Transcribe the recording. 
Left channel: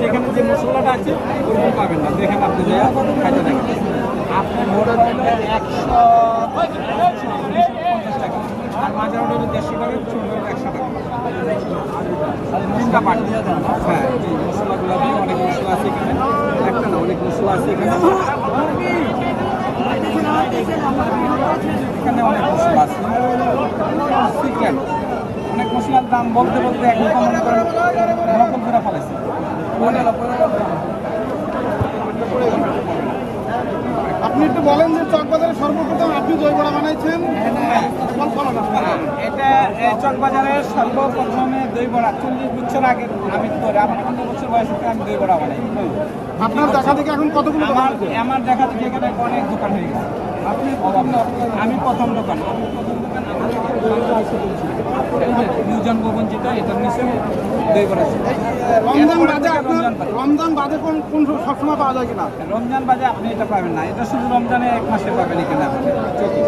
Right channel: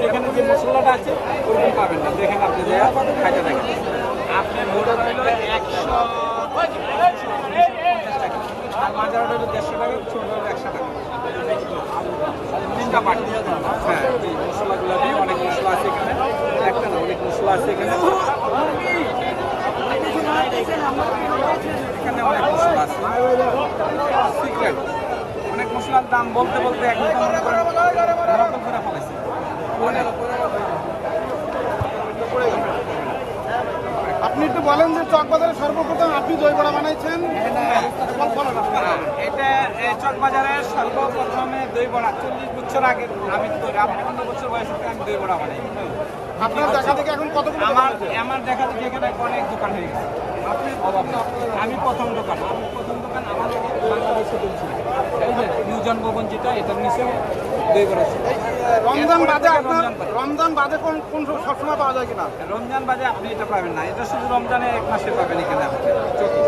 যেখানে যে মশলাটা আছে ওরকম পাবেন না, দেখেন আপনি যে খাইতে দেখেন আপনি বড় ধরনের 150 টাকা, আর মাঝার ওটা হলো 150 টাকা, ছোট হলো 100 টাকা, তিনটা পার্টি। হ্যাঁ, এই মশলাগুলো দিয়ে অনেক মশলা আছে এখানে, একটা না অনেক মশলা আছে এখানে, এখানে অনেক মশলা আছে সিক্রেট, অনেক মশলার দাম বলতে বলতে এখন তো মনে করেন নকল করে ফেলাইছে। আপনি একটু বলেন যে চকবাজারে সর্বপ্রথম আপনি দই বড়া বানাইছেন, এটা চকবাজারের সর্বপ্রথমে দই বড়া 40 বছর আগে আমি করে, আমার 15 বছর বয়স থেকে আমি দই বড়া বানাই। আপনার দেখা দেখি এখন কতগুলো আমার দেখা দেখি এখানে অনেক দোকান হয়ে গেছে। আমি প্রথম দোকান আমার নিউজন ভবন যেটা, এটার নিচে দই বড়া। রমজান বাদে কোন সবসময় পাওয়া যায় কিনা? রমজান বাজে আপনি এটা পাবেন না, এটা শুধু রমজানে 1 মাসে পাবেন এখানে আমাদের চকি।